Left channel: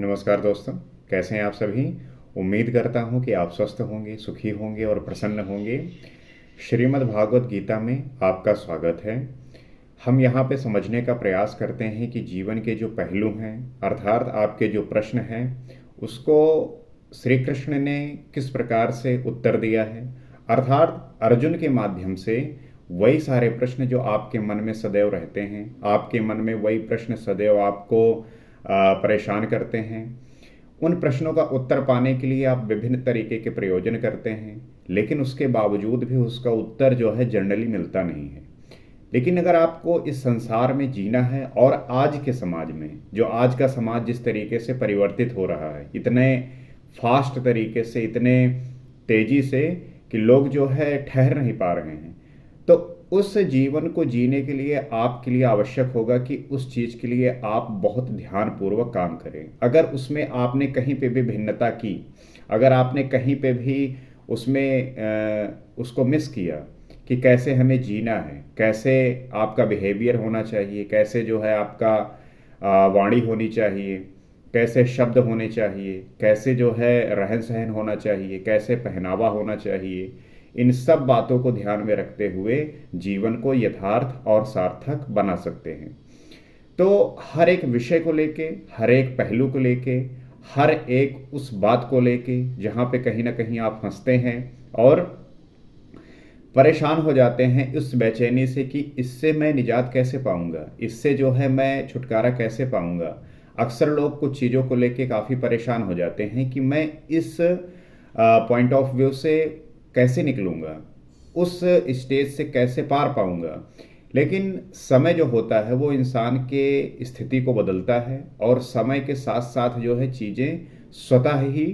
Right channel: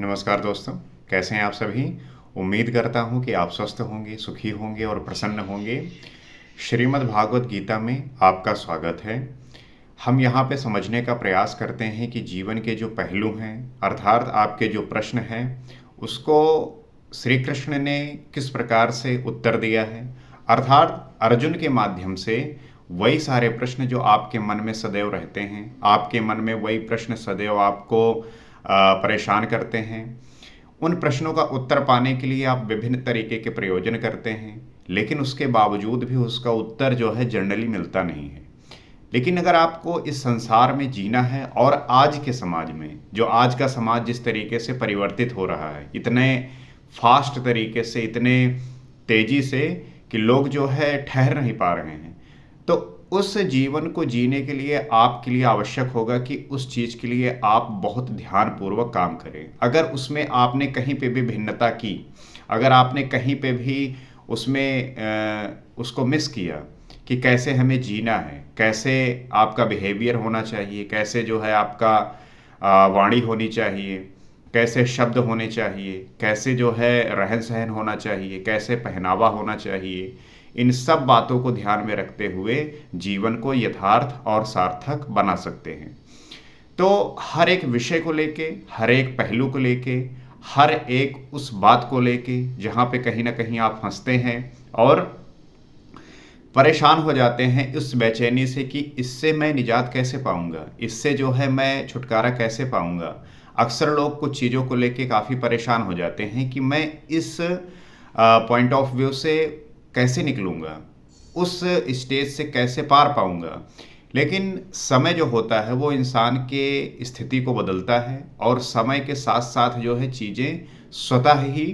नमस्कार दोस्तों, कैसे हैं आप सभी? उम्मीद करता हूँ कि आप स्वस्थ होंगे, सुखी होंगे और प्रसन्न होंगे। श्रीमद् भागवत गीता में आपका स्वागत है। हम यहाँ पे समझने का प्रयास करते हैं कि जीवन के जो पहलू हैं, अर्थात आपके जो प्रश्न हैं, उसको श्री कृष्ण ने किस प्रकार से उत्तर दिया है। अर्थात अर्जुन के माध्यम से वही सारे प्रश्न जो आपके मन में सदैव रहते हैं, आपके मन में वही प्रश्न सदैव आपको परेशान करते हैं। उन प्रश्नों का उत्तर पाने के लिए आप विभिन्न तरीके के प्रयोजन करते हैं, लेकिन उसके बावजूद भी उसका उत्तर जो है जनरली मिलता नहीं है। लेकिन अगर आपको इस संसार में जीना है और आज के समाज में, जो आज का समाज जिस तरीके से परिवर्तित हो रहा है, इतने फास्ट तरीके से, इतने तेजी से कि लोग जो है ठहर नहीं पा रहे हैं, तो उस जीवन को जीने के लिए आपके लिए आवश्यक होगा कि उस चीज़ के लिए आप बहुत ध्यानपूर्वक काम करें। अगर उसमें आपने कहीं पे भी भिन्नता की, अगर आपने कहीं पे भी उसमें उसको मिस किया कि कैसे हमें जीना है, कैसे आपका बिहेवियर होना चाहिए, कैसे जो है आपका वाणी होनी चाहिए, कैसे शब्द होने चाहिए, कैसे जो है रहन सहन होना चाहिए, कैसे पहनावा होना चाहिए, इन सब बातों को ध्यान में रखते हुए जीवन को यथार्थ और सार्थक बना सकते हैं। तो हर एक विषय को लेके, हर एक पहलू को लेके, हर एक उस बात को लेके जहाँ पे कहीं ना कहीं आप फंसते हैं और परेशान हो जाते हैं इस बेचैनी से कि इससे मैं निजात कैसे पाऊंगा, इससे जो है मैं छुटकारा कैसे पाऊंगा। अक्सर लोग कुछ चीज़ों को लेके काफ़ी परेशान हो जाते हैं कि मैं इस पॉइंट ऑफ व्यू से कैसे निकलूंगा, उस स्टेज से कैसे पार पाऊंगा। लेकिन समय जो होता है वो इंसान के स्थिति को बदलता है और समय के साथ साथ जो है चीज़ें स्वतः ही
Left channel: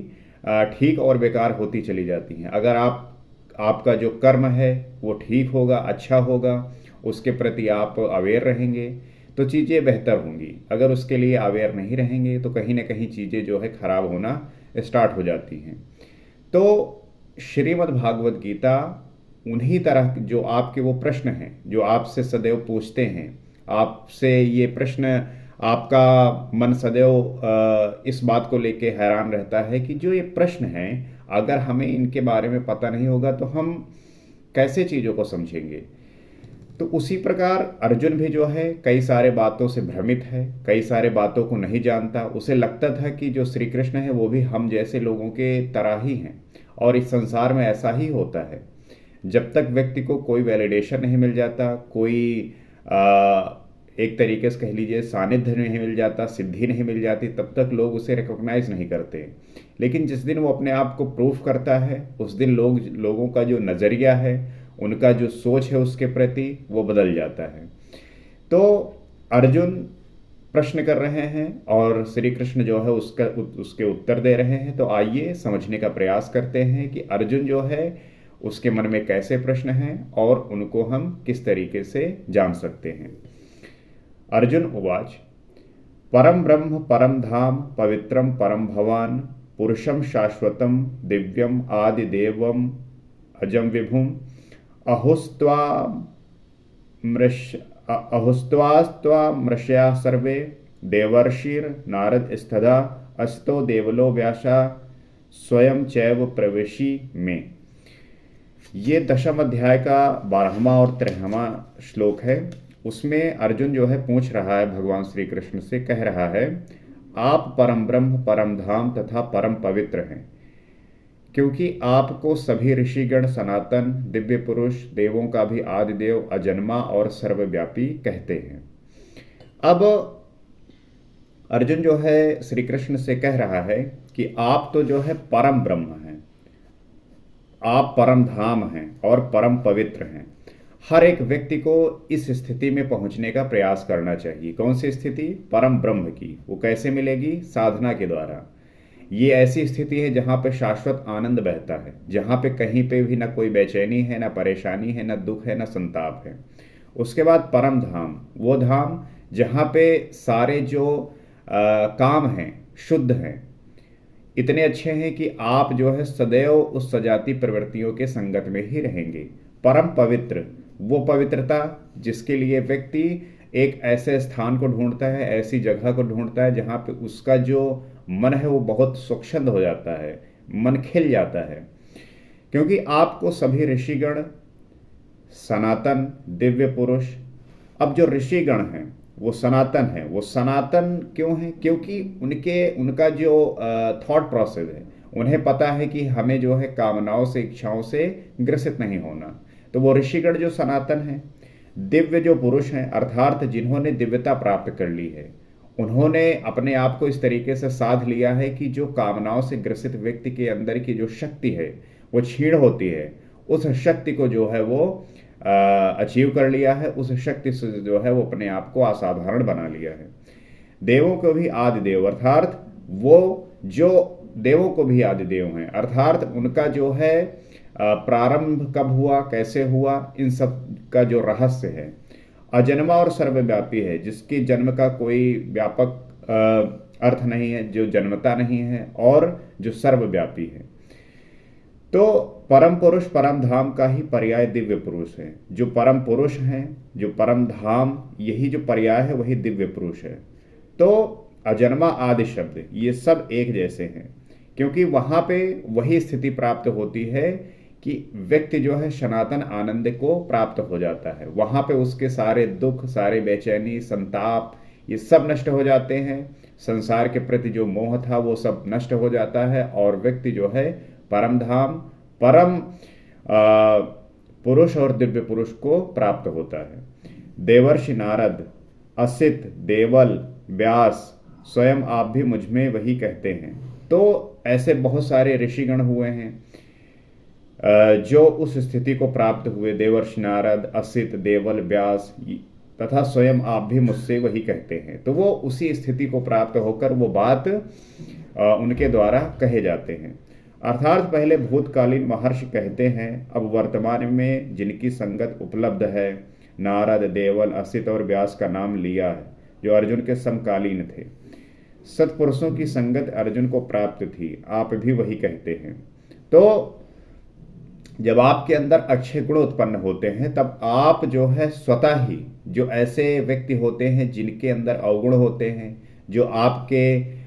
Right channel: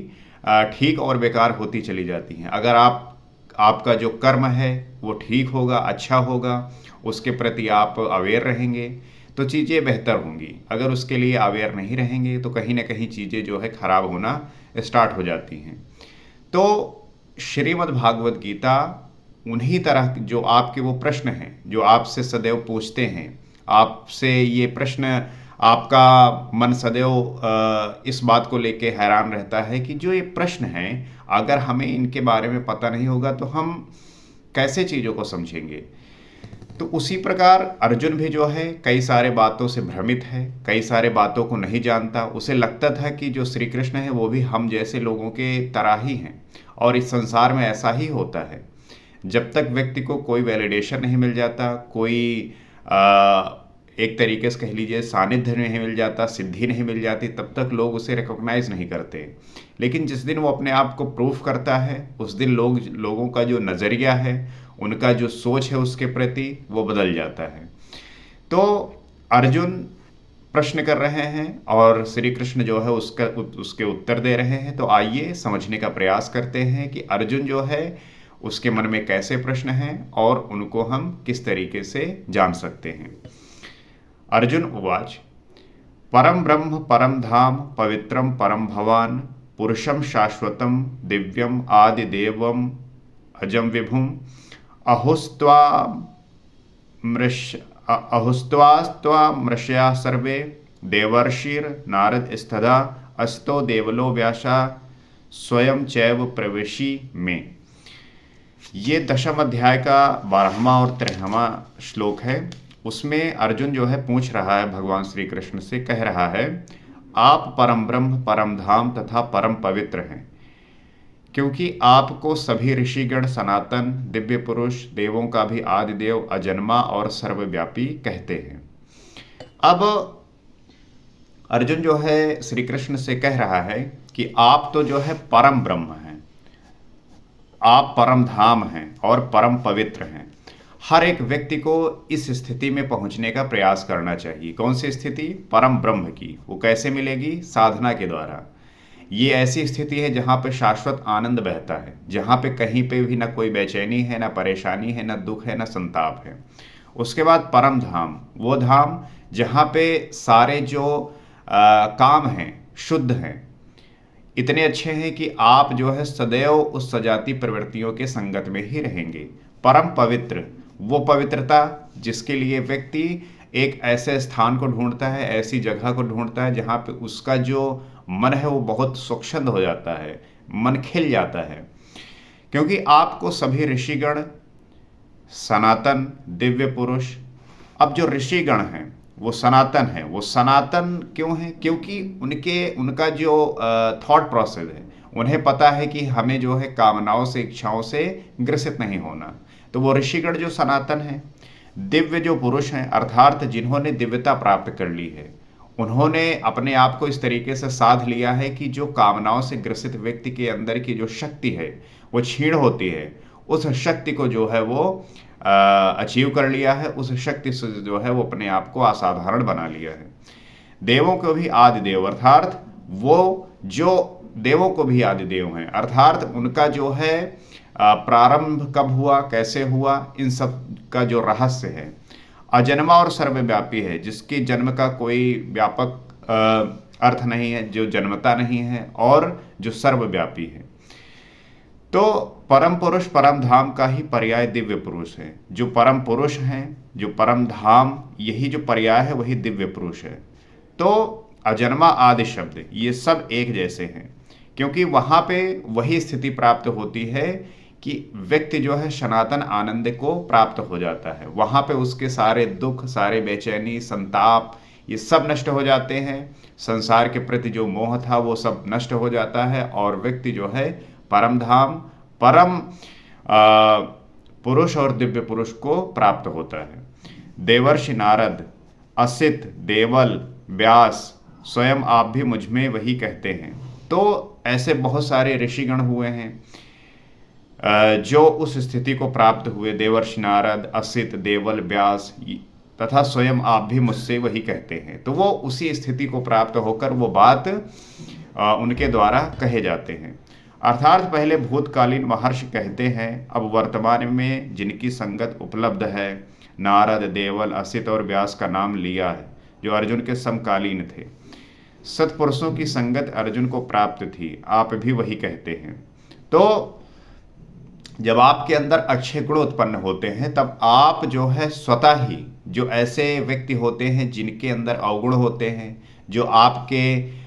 ठीक और बेकार होती चली जाती हैं। अगर आपका जो कर्म है वो ठीक होगा, अच्छा होगा, उसके प्रति आप अवेयर रहेंगे तो चीज़ें बेहतर होंगी। अगर उसके लिए अवेयर नहीं रहेंगे तो कहीं ना कहीं चीज़ें जो है ख़राब होना स्टार्ट हो जाती हैं। तो श्रीमद् भागवत गीता उन्हीं तरह जो आपके वो प्रश्न हैं जो आपसे सदैव पूछते हैं, आपसे ये प्रश्न, आपका मन सदैव इस बात को लेके हैरान रहता है कि जो ये प्रश्न हैं, अगर हमें इनके बारे में पता नहीं होगा तो हम कैसे चीज़ों को समझेंगे। तो उसी प्रकार अर्जुन भी जो है कई सारे बातों से भ्रमित है, कई सारे बातों को नहीं जानता। उसे लगता था कि जो श्री कृष्ण है वो भी हम जैसे लोगों के तरह ही हैं और इस संसार में ऐसा ही होता है। जब तक व्यक्ति को कोई वैलिडेशन नहीं मिल जाता, कोई एक तरीके से कह लीजिए सानिध्य नहीं मिल जाता, सिद्धि नहीं मिल जाती, तब तक लोग उसे रिकॉग्नाइज नहीं करते। लेकिन जिस दिन वो अपने आप को प्रूफ करता है, उस दिन लोगों का जो नज़रिया है, उनका जो सोच है उसके प्रति, वो बदल जाता है। तो अर्जुन प्रश्न कर रहे हैं और श्री कृष्ण जो है उसके उत्तर दे रहे हैं। तो आइए समझने का प्रयास करते हैं कि अर्जुन जो है उसके मन में कैसे प्रश्न हैं और उनको हम किस तरीके से जान सकते हैं। अर्जुन उवाच, परम ब्रह्म परम धाम पवित्रम परम भवान पुरुषम शाश्वतम दिव्यम आदिदेवम अजम विभुम अहुस्त्वास्त्वमृषया सर्वे देवर्षिर नारद स्तदा अस्तो देवलो व्यासा स्वयं चैव प्रवेशी में। ये दशम अध्याय का 12वां और 13वां श्लोक है। उसमें अर्जुन जो है पूछ रहा है भगवान श्री कृष्ण से, कह रहा है आप परम ब्रह्म परम धाम तथा परम पवित्र हैं, क्योंकि आपको सभी ऋषिगण सनातन दिव्य पुरुष देवों का भी आदिदेव अजन्मा और सर्वव्यापी कहते हैं। अब अर्जुन जो है श्री कृष्ण से कह रहा है कि आप तो जो है परम ब्रह्म हैं, आप परम धाम हैं और परम पवित्र हैं। हर एक व्यक्ति को इस स्थिति में पहुंचने का प्रयास करना चाहिए। कौन सी स्थिति? परम ब्रह्म की। वो कैसे मिलेगी? साधना के द्वारा। ये ऐसी स्थिति है जहाँ पे शाश्वत आनंद बहता है, जहाँ पे कहीं पे भी ना कोई बेचैनी है, ना परेशानी है, ना दुख है, ना संताप है। उसके बाद परम धाम, वो धाम जहाँ पे सारे जो काम हैं शुद्ध हैं, इतने अच्छे हैं कि आप जो है सदैव उस सजाती प्रवृत्तियों के संगत में ही रहेंगे। परम पवित्र, वो पवित्रता जिसके लिए व्यक्ति एक ऐसे स्थान को ढूंढता है, ऐसी जगह को ढूंढता है जहाँ पे उसका जो मन है वो बहुत स्वच्छंद हो जाता है, मन खिल जाता है। क्योंकि आपको सभी ऋषिगण, सनातन, दिव्य पुरुष, अब जो ऋषिगण हैं वो सनातन हैं। वो सनातन क्यों हैं? क्योंकि उनका जो थॉट प्रोसेस है, उन्हें पता है कि हमें जो है कामनाओं से, इच्छाओं से ग्रसित नहीं होना। तो वो ऋषिगण जो सनातन हैं, दिव्य जो पुरुष हैं, अर्थात जिन्होंने दिव्यता प्राप्त कर ली है, उन्होंने अपने आप को इस तरीके से साध लिया है कि जो कामनाओं से ग्रसित व्यक्ति के अंदर की जो शक्ति है वो क्षीण होती है, उस शक्ति को जो है वो अचीव कर लिया है। उस शक्ति से जो है वो अपने आप को असाधारण बना लिया है। देवों को भी आदि देव, अर्थात वो जो देवों को भी आदि देव हैं, अर्थात उनका जो है प्रारंभ कब हुआ, कैसे हुआ, इन सब का जो रहस्य है, अजन्मा और सर्वव्यापी है, जिसके जन्म का कोई व्यापक अर्थ नहीं है, जो जन्मता नहीं है और जो सर्वव्यापी है। तो परम पुरुष, परम धाम का ही पर्याय दिव्य पुरुष है। जो परम पुरुष हैं, जो परम धाम, यही जो पर्याय है वही दिव्य पुरुष है। तो अजन्मा आदि शब्द ये सब एक जैसे हैं, क्योंकि वहाँ पे वही स्थिति प्राप्त होती है कि व्यक्ति जो है सनातन आनंद को प्राप्त हो जाता है। वहाँ पे उसके सारे दुख, सारे बेचैनी, संताप, ये सब नष्ट हो जाते हैं। संसार के प्रति जो मोह था वो सब नष्ट हो जाता है और व्यक्ति जो है परम धाम, परम पुरुष और दिव्य पुरुष को प्राप्त होता है। देवर्षि नारद, असित, देवल, व्यास, स्वयं आप भी मुझ में वही कहते हैं। तो ऐसे बहुत सारे ऋषिगण हुए हैं जो उस स्थिति को प्राप्त हुए। देवर्षि नारद, असित, देवल, व्यास तथा स्वयं आप भी मुझसे वही कहते हैं। तो वो उसी स्थिति को प्राप्त होकर वो बात उनके द्वारा कहे जाते हैं। अर्थात पहले भूतकालीन महर्षि कहते हैं, अब वर्तमान में जिनकी संगत उपलब्ध है, नारद, देवल, असित और व्यास का नाम लिया है, जो अर्जुन के समकालीन थे। सत्पुरुषों की संगत अर्जुन को प्राप्त थी, आप भी वही कहते हैं। तो जब आपके अंदर अच्छे गुण उत्पन्न होते हैं तब आप जो है स्वतः ही, जो ऐसे व्यक्ति होते हैं जिनके अंदर अवगुण होते हैं, जो आपके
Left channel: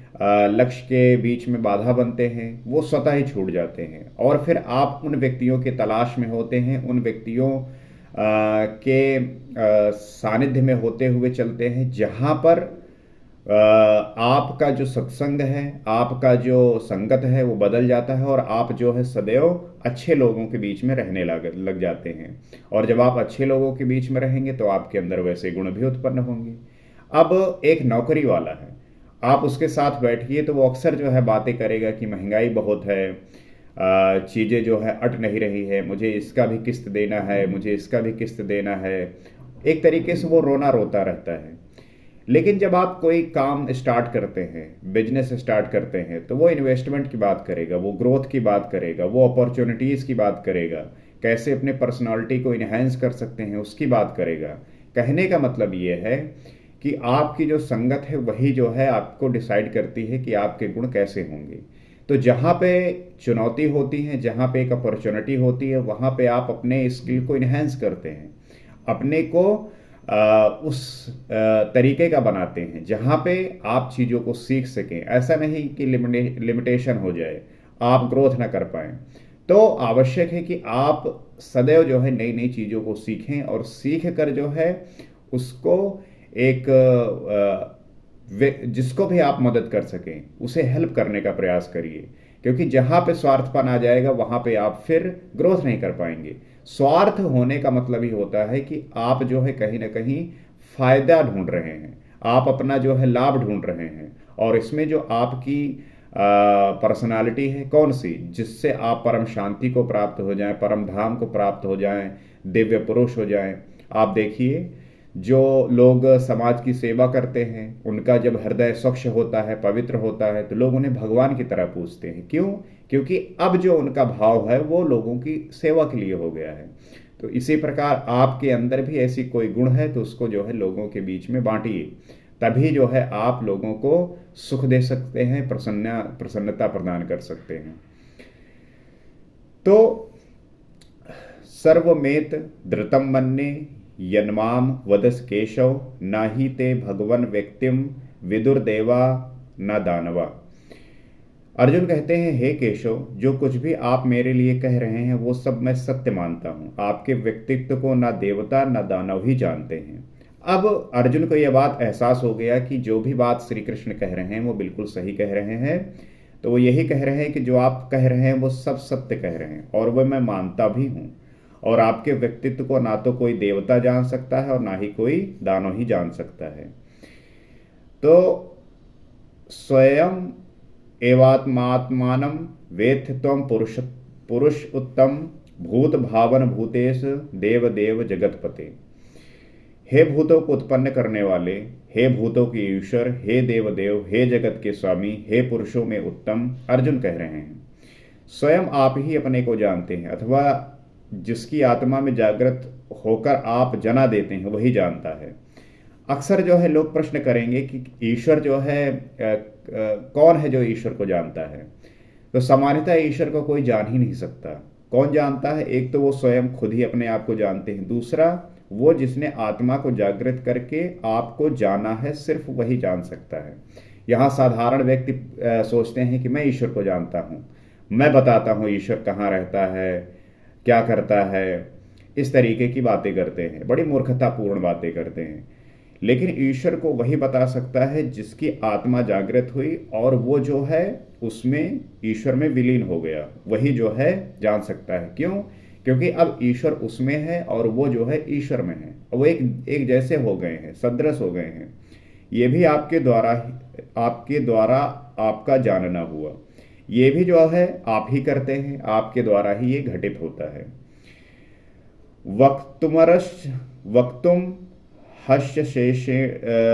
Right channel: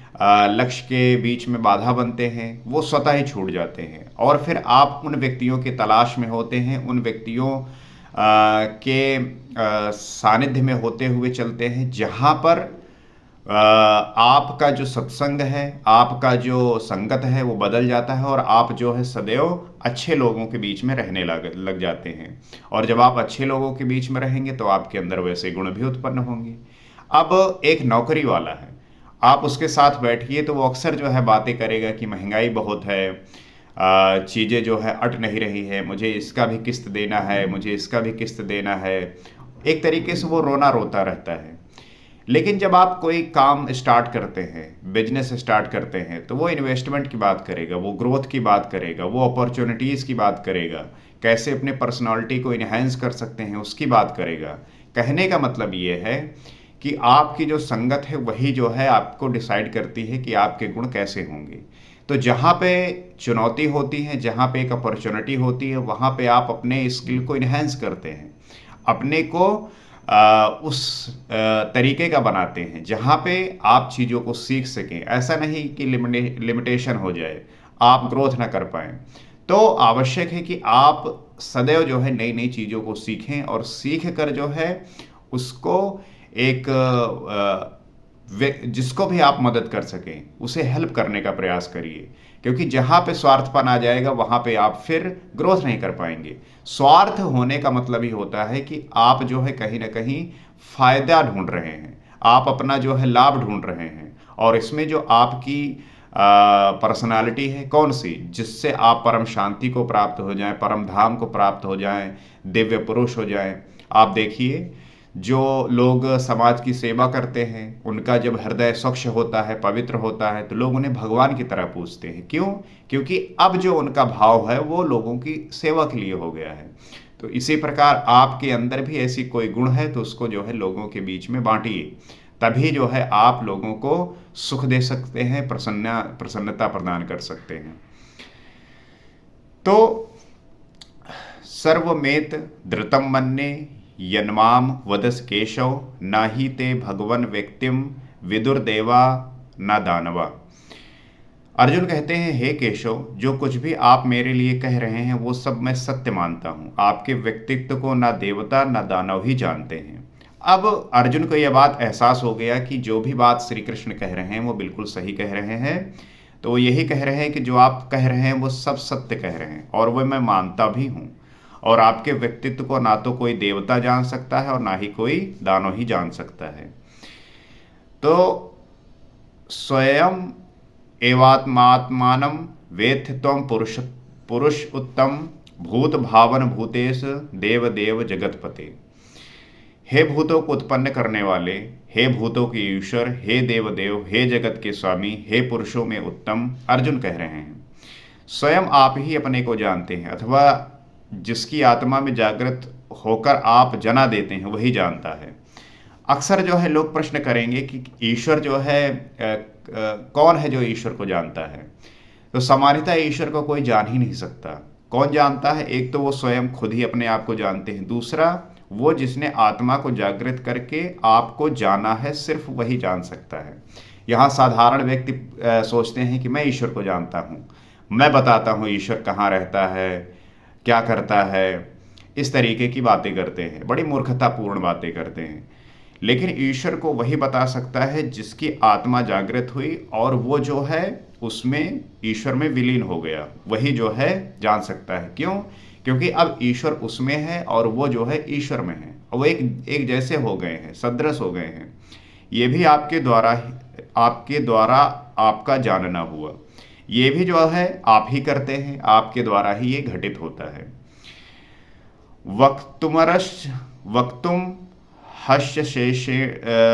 लक्ष्य के बीच में बाधा बनते हैं, वो स्वतः ही छूट जाते हैं। और फिर आप उन व्यक्तियों के तलाश में होते हैं, उन व्यक्तियों के सानिध्य में होते हुए चलते हैं, जहाँ पर आपका जो सत्संग है, आपका जो संगत है वो बदल जाता है और आप जो है सदैव अच्छे लोगों के बीच में रहने लग जाते हैं। और जब आप अच्छे लोगों के बीच में रहेंगे तो आपके अंदर वैसे गुण भी उत्पन्न होंगे। अब एक नौकरी वाला है, आप उसके साथ बैठिए तो वो अक्सर जो है बातें करेगा कि महंगाई बहुत है, चीज़ें जो है अट नहीं रही है, मुझे इसका भी किस्त देना है, मुझे इसका भी किस्त देना है। एक तरीके से वो रोना रोता रहता है। लेकिन जब आप कोई काम स्टार्ट करते हैं, बिजनेस स्टार्ट करते हैं, तो वो इन्वेस्टमेंट की बात करेगा, वो ग्रोथ की बात करेगा, वो अपॉर्चुनिटीज़ की बात करेगा, कैसे अपने पर्सनालिटी को इन्हेंस कर सकते हैं उसकी बात करेगा। कहने का मतलब ये है कि आपकी जो संगत है वही जो है आपको डिसाइड करती है कि आपके गुण कैसे होंगे। तो जहाँ पे चुनौती होती है, जहाँ पे एक अपॉर्चुनिटी होती है, वहाँ पे आप अपने स्किल को इन्हेंस करते हैं, अपने को उस तरीके का बनाते हैं जहाँ पे आप चीज़ों को सीख सकें। ऐसा नहीं कि लिमिटेशन हो जाए, आप ग्रोथ ना कर पाएँ। तो आवश्यक है कि आप सदैव जो है नई नई चीज़ों को सीखें और सीख कर जो है उसको एक जिसको भी आप मदद कर सकें उसे हेल्प करने का प्रयास करिए। क्योंकि जहाँ पे स्वार्थपन आ जाएगा वहाँ पे आप फिर ग्रोथ नहीं कर पाएंगे। स्वार्थ होने का मतलब ही होता है कि आप जो है कहीं ना कहीं फायदा ढूंढ रहे हैं, आप अपना जो है लाभ ढूंढ रहे हैं। और इसमें जो आपकी पर्सनालिटी है कौन सी, जिससे आप परम शांति को प्राप्त हो जाएं, परम धाम को प्राप्त हो जाएं, दिव्य पुरुष हो जाएं। आप देखिए जो लोग समाज की सेवा करते हैं उनका जब हृदय स्वच्छ होता है, पवित्र होता है, तो लोग उन्हें भगवान की तरह पूजते हैं। क्यों? क्योंकि अब जो उनका भाव है वो लोगों की सेवा के लिए हो गया है। तो इसी प्रकार आपके अंदर भी ऐसी कोई गुण है तो उसको जो है लोगों के बीच में बांटिए, तभी जो है आप लोगों को सुख दे सकते हैं, प्रसन्नता प्रदान कर सकते हैं। तो सर्वमेत धृतम मन्ये यन्माम वदस केशव नाहि ते भगवन व्यक्तिम विदुर्देवा न दानवा। अर्जुन कहते हैं, हे केशव, जो कुछ भी आप मेरे लिए कह रहे हैं वो सब मैं सत्य मानता हूँ। आपके व्यक्तित्व को ना देवता ना दानव ही जानते हैं। अब अर्जुन को यह बात एहसास हो गया कि जो भी बात श्री कृष्ण कह रहे हैं वो बिल्कुल सही कह रहे हैं। तो वो यही कह रहे हैं कि जो आप कह रहे हैं वो सब सत्य कह रहे हैं और वो मैं मानता भी हूँ। और आपके व्यक्तित्व को ना तो कोई देवता जान सकता है और ना ही कोई दानव ही जान सकता है। तो स्वयं एवात्मात्मानं वेत्थ त्वं पुरुष उत्तम भूत भावन भूतेश देव देव जगतपते। हे भूतों को उत्पन्न करने वाले, हे भूतों के ईश्वर, हे देव देव, हे जगत के स्वामी, हे पुरुषों में उत्तम, अर्जुन कह रहे हैं स्वयं आप ही अपने को जानते हैं, अथवा जिसकी आत्मा में जागृत होकर आप जना देते हैं वही जानता है। अक्सर जो है लोग प्रश्न करेंगे कि ईश्वर जो है कौन है जो ईश्वर को जानता है। तो सामान्यतः ईश्वर को कोई जान ही नहीं सकता। कौन जानता है? एक तो वो स्वयं खुद ही अपने आप को जानते हैं, दूसरा वो जिसने आत्मा को जागृत करके आपको जाना है सिर्फ वही जान सकता है। यहाँ साधारण व्यक्ति सोचते हैं कि मैं ईश्वर को जानता हूँ, मैं बताता हूँ ईश्वर कहाँ रहता है, क्या करता है, इस तरीके की बातें करते हैं, बड़ी मूर्खतापूर्ण बातें करते हैं। लेकिन ईश्वर को वही बता सकता है जिसकी आत्मा जागृत हुई और वो जो है उसमें ईश्वर में विलीन हो गया, वही जो है जान सकता है। क्यों? क्योंकि अब ईश्वर उसमें है और वो जो है ईश्वर में है, और वो एक जैसे हो गए हैं, सदृश हो गए हैं। ये भी आपके द्वारा आपका जानना हुआ। ये भी जो है आप ही करते हैं, आपके द्वारा ही ये घटित होता है। वक्तुम हस्य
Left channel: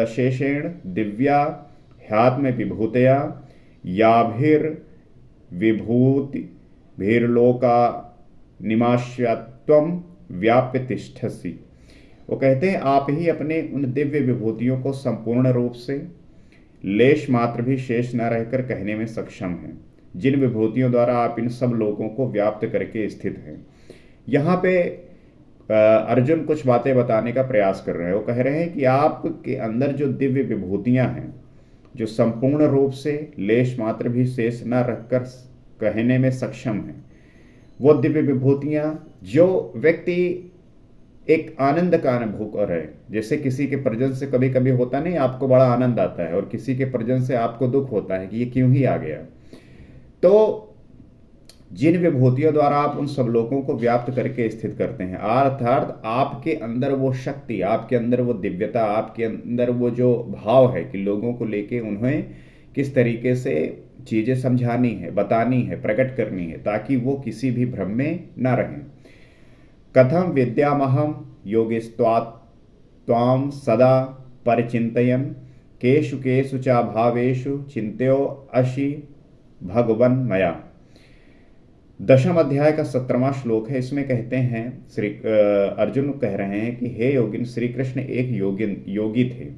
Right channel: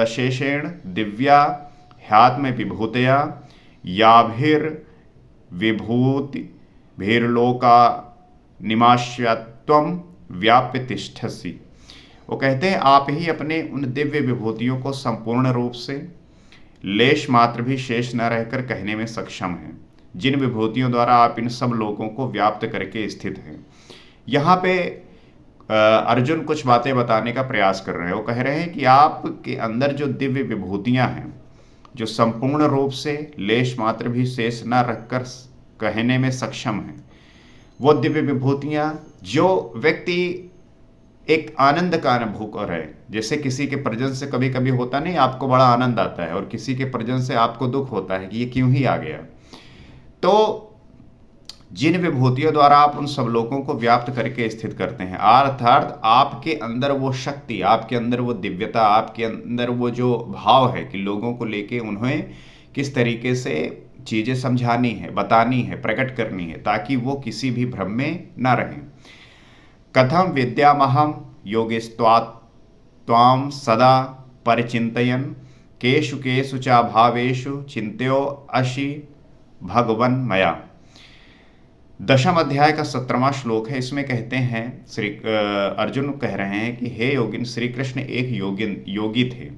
शेषेण दिव्या ह्यात्म विभूतया याभिर्विभूतिभिर्लोका निमाश्यत्वम व्याप्य तिष्ठसि। वो कहते हैं आप ही अपने उन दिव्य विभूतियों को संपूर्ण रूप से लेश मात्र भी शेष न रहकर कहने में सक्षम हैं, जिन विभूतियों द्वारा आप इन सब लोगों को व्याप्त करके स्थित हैं। यहाँ पे अर्जुन कुछ बातें बताने का प्रयास कर रहे हैं। वो कह रहे हैं कि आपके अंदर जो दिव्य विभूतियां हैं, जो संपूर्ण रूप से लेश मात्र भी शेष न रखकर कहने में सक्षम हैं, वो दिव्य विभूतियां जो व्यक्ति एक आनंद का अनुभव कर रहे हैं। जैसे किसी के प्रजन से कभी कभी होता नहीं, आपको बड़ा आनंद आता है, और किसी के प्रजन से आपको दुख होता है कि ये क्यों ही आ गया। तो जिन विभूतियों द्वारा आप उन सब लोगों को व्याप्त करके स्थित करते हैं, अर्थात आपके अंदर वो शक्ति, आपके अंदर वो दिव्यता, आपके अंदर वो जो भाव है कि लोगों को लेके उन्हें किस तरीके से चीज़ें समझानी है, बतानी है, प्रकट करनी है, ताकि वो किसी भी भ्रम में न रहें। कथम विद्यामहम योगिस्त्वाम सदा परिचिन्तयन् केषु केषु च भावेषु चिंत्यो अशि भगवन मया। 10वें अध्याय का 17वां श्लोक है। इसमें कहते हैं अर्जुन कह रहे हैं कि हे योगिन, श्री कृष्ण एक योगी थे,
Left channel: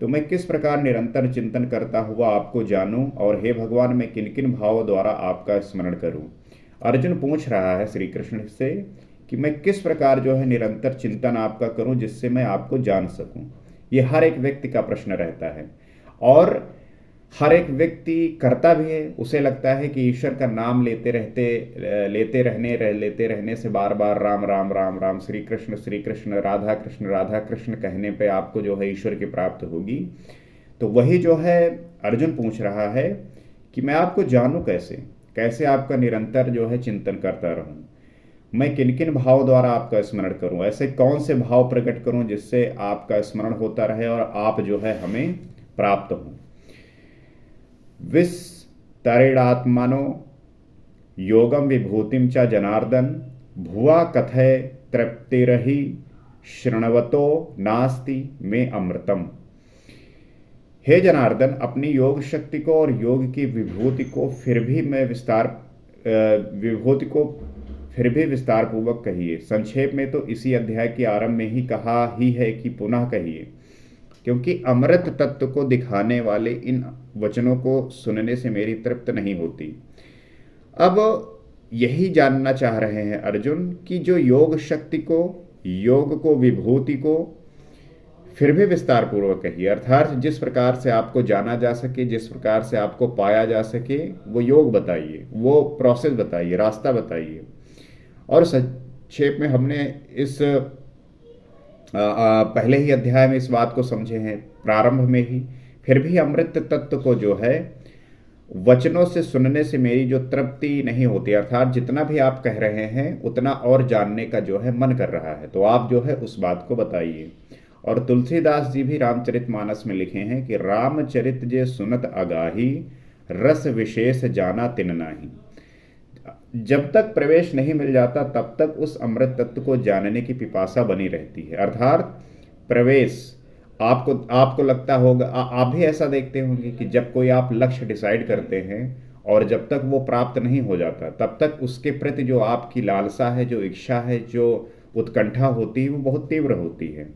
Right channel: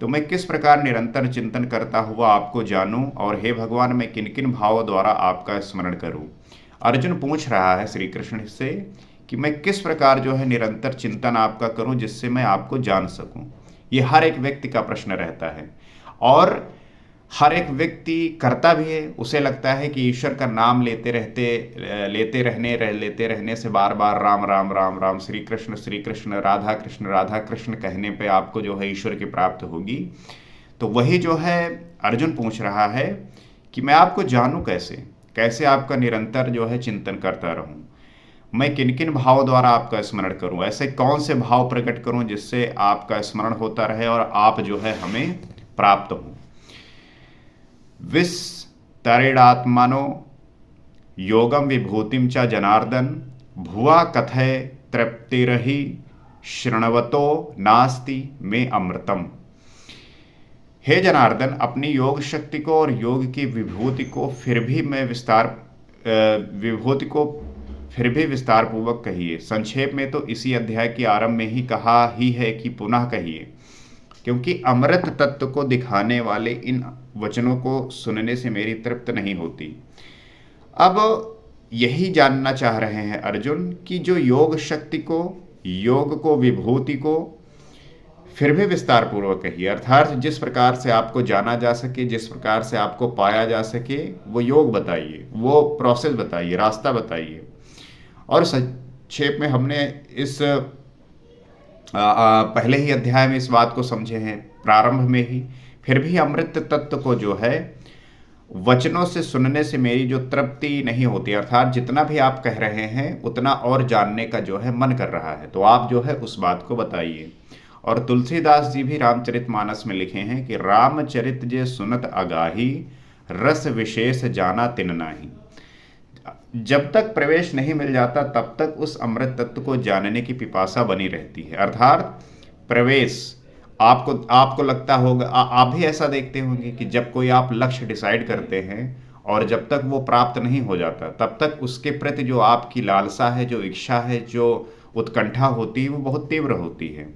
तो मैं किस प्रकार निरंतर चिंतन करता हुआ आपको जानूं, और हे भगवान मैं किन किन भावों द्वारा आपका स्मरण करूं। अर्जुन पूछ रहा है श्री कृष्ण से कि मैं किस प्रकार जो है निरंतर चिंतन आपका करूं जिससे मैं आपको जान सकूं। ये हर एक व्यक्ति का प्रश्न रहता है, और हर एक व्यक्ति करता भी है। उसे लगता है कि ईश्वर का नाम लेते रहने से बार बार राम राम राम राम, श्री कृष्ण राधा कृष्ण कहने पे आपको जो है ईश्वर की प्राप्त होगी। तो वही जो है अर्जुन पूछ रहा है कि मैं आपको जानूं कैसे आपका निरंतर जो है चिंतन करता रहूं, मैं किन किन भावों द्वारा आपका स्मरण करूं, ऐसे कौन से भाव प्रकट करूं जिससे आपका स्मरण होता रहे और आप जो है हमें प्राप्त हों। विस्तरेणात्मनो योगम विभूतिम च जनार्दन भुवा कथय तृप्तिरहि शृण्वतो नास्ति में अमृतम। हे जनार्दन, अपनी योग शक्ति को और योग की विभूति को फिर भी विस्तार पूर्वक कहिए। संक्षेप में तो इसी अध्याय के आरंभ में ही कहा ही है कि पुनः कहिए, क्योंकि अमृत तत्व को दिखाने वाले इन वचनों को सुनने से मेरी तृप्त नहीं होती। अब यही जानना चाह रहे हैं अर्जुन कि जो योग शक्ति को योग को, विभूति को फिर भी विस्तार पूर्वक कहिए, अर्थात जिस प्रकार से आपको जाना जा सके, जिस प्रकार से आपको पाया जा सके, वो योग बताइए, वो प्रोसेस बताइए, रास्ता बताइए। और संक्षेप में हमने इस पहले ही अध्याय में इस बात को समझे हैं, प्रारंभ में ही। फिर भी अमृत तत्व को जो है वचनों से सुनने से मेरी जो तृप्ति नहीं होती, अर्थात जितना भी आप कह रहे हैं उतना और जानने का जो है मन कर रहा है, तो आप जो है उस बात को बताइए। और तुलसीदास जी भी रामचरितमानस में लिखे हैं कि रामचरित जे सुनत अगाही, रस विशेष जाना तिन नाही। जब तक प्रवेश नहीं मिल जाता तब तक उस अमृत तत्व को जानने की पिपासा बनी रहती है। अर्थात प्रवेश, आपको लगता होगा, आप भी ऐसा देखते होंगे कि जब कोई आप लक्ष्य डिसाइड करते हैं और जब तक वो प्राप्त नहीं हो जाता तब तक उसके प्रति जो आपकी लालसा है, जो इच्छा है, जो उत्कंठा होती है, वो बहुत तीव्र होती है।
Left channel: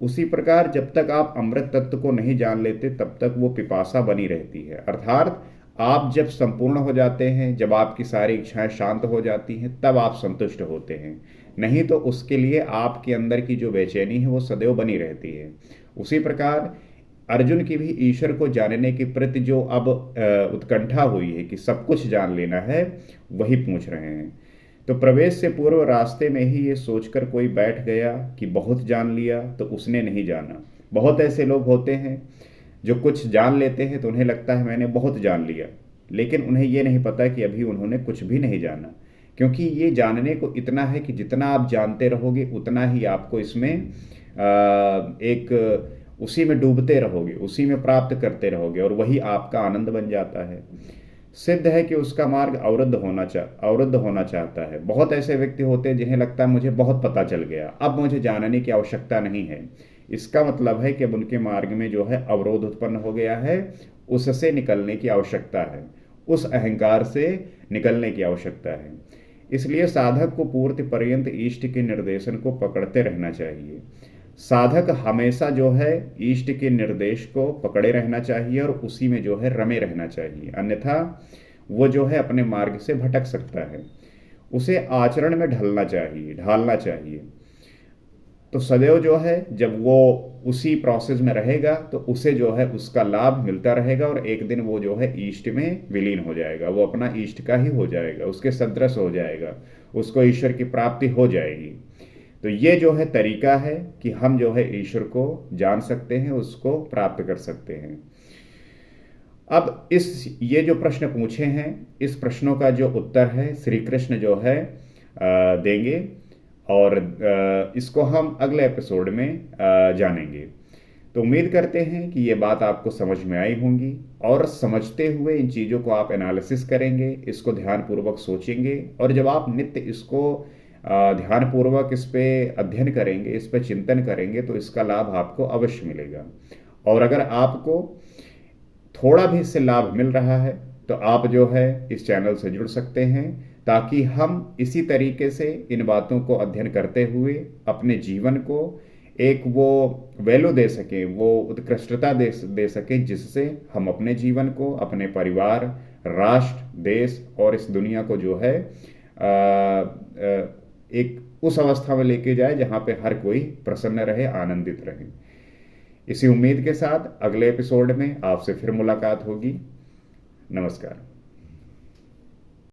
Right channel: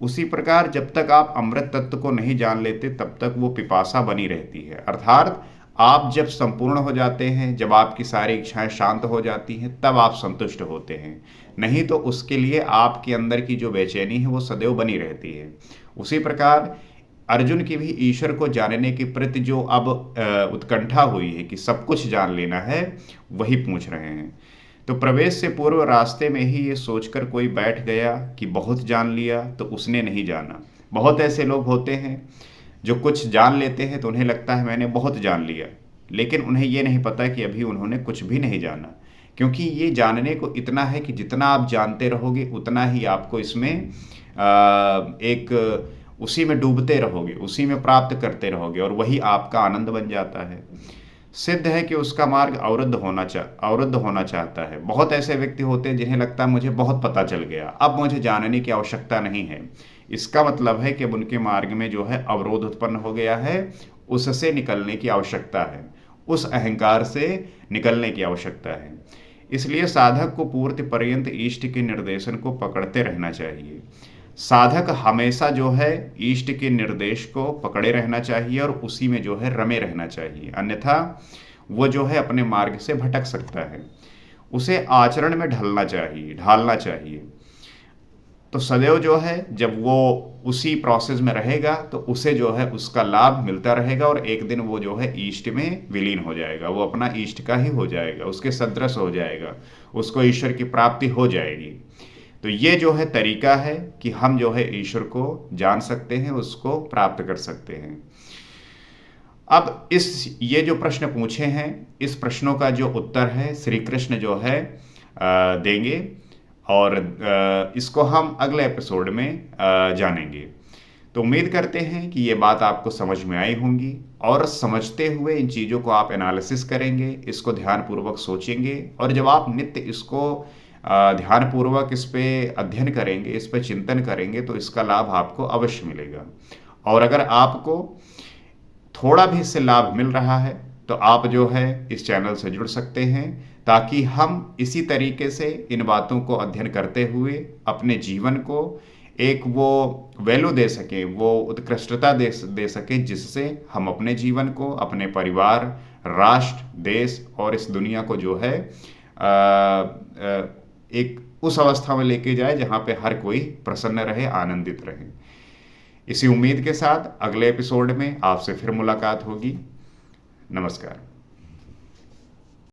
उसी प्रकार जब तक आप अमृत तत्व को नहीं जान लेते तब तक वो पिपासा बनी रहती है। अर्थात आप जब संपूर्ण हो जाते हैं, जब आपकी सारी इच्छाएं शांत हो जाती हैं, तब आप संतुष्ट होते हैं, नहीं तो उसके लिए आपके अंदर की जो बेचैनी है वो सदैव बनी रहती है। उसी प्रकार अर्जुन की भी ईश्वर को जानने के प्रति जो अब उत्कंठा हुई है कि सब कुछ जान लेना है, वही पूछ रहे हैं। तो प्रवेश से पूर्व रास्ते में ही ये सोचकर कोई बैठ गया कि बहुत जान लिया, तो उसने नहीं जाना। बहुत ऐसे लोग होते हैं जो कुछ जान लेते हैं तो उन्हें लगता है मैंने बहुत जान लिया, लेकिन उन्हें ये नहीं पता कि अभी उन्होंने कुछ भी नहीं जाना। क्योंकि ये जानने को इतना है कि जितना आप जानते रहोगे उतना ही आपको इसमें उसी में डूबते रहोगे, उसी में प्राप्त करते रहोगे, और वही आपका आनंद बन जाता है। सिद्ध है कि उसका मार्ग अवरुद्ध होना चाहता है। बहुत ऐसे व्यक्ति होते हैं जिन्हें लगता है मुझे बहुत पता चल गया, अब मुझे जानने की आवश्यकता नहीं है। इसका मतलब है कि अब उनके मार्ग में जो है अवरोध उत्पन्न हो गया है, उससे निकलने की आवश्यकता है, उस अहंकार से निकलने की आवश्यकता है। इसलिए साधक को पूर्ति पर्यंत इष्ट के निर्देशन को पकड़ते रहना चाहिए। साधक हमेशा जो है इष्ट के निर्देश को पकड़े रहना चाहिए और उसी में जो है रमे रहना चाहिए, अन्यथा वो जो है अपने मार्ग से भटक सकता है। उसे आचरण में ढालना चाहिए। तो सदैव जो है जब वो उसी प्रोसेस में रहेगा तो उसे जो है उसका लाभ मिलता रहेगा, और एक दिन वो जो है ईष्ट में विलीन हो जाएगा, वो अपना ईष्ट का ही हो जाएगा, उसके सदृश हो जाएगा, उसको ईश्वर की प्राप्ति हो जाएगी। तो ये जो है तरीका है कि हम जो है ईश्वर को जान सकते हैं, उसको प्राप्त कर सकते हैं। अब ये जो प्रश्न पूछे हैं, इस प्रश्नों का जो उत्तर है श्री कृष्ण जो है देंगे, और इसको हम अगले एपिसोड में जानेंगे। तो उम्मीद करते हैं कि ये बात आपको समझ में आई होंगी, और समझते हुए इन चीज़ों को आप एनालिसिस करेंगे, इसको ध्यानपूर्वक सोचेंगे, और जब आप नित्य इसको ध्यानपूर्वक इस पे अध्ययन करेंगे, इस पे चिंतन करेंगे, तो इसका लाभ आपको अवश्य मिलेगा। और अगर आपको थोड़ा भी इससे लाभ मिल रहा है तो आप जो है इस चैनल से जुड़ सकते हैं, ताकि हम इसी तरीके से इन बातों को अध्ययन करते हुए अपने जीवन को एक वो वैल्यू दे सकें, वो उत्कृष्टता दे सकें, जिससे हम अपने जीवन को, अपने परिवार, राष्ट्र, देश और इस दुनिया को जो है एक उस अवस्था में लेके जाए जहाँ पे हर कोई प्रसन्न रहे, आनंदित रहे। इसी उम्मीद के साथ अगले एपिसोड में आपसे फिर मुलाकात होगी। नमस्कार।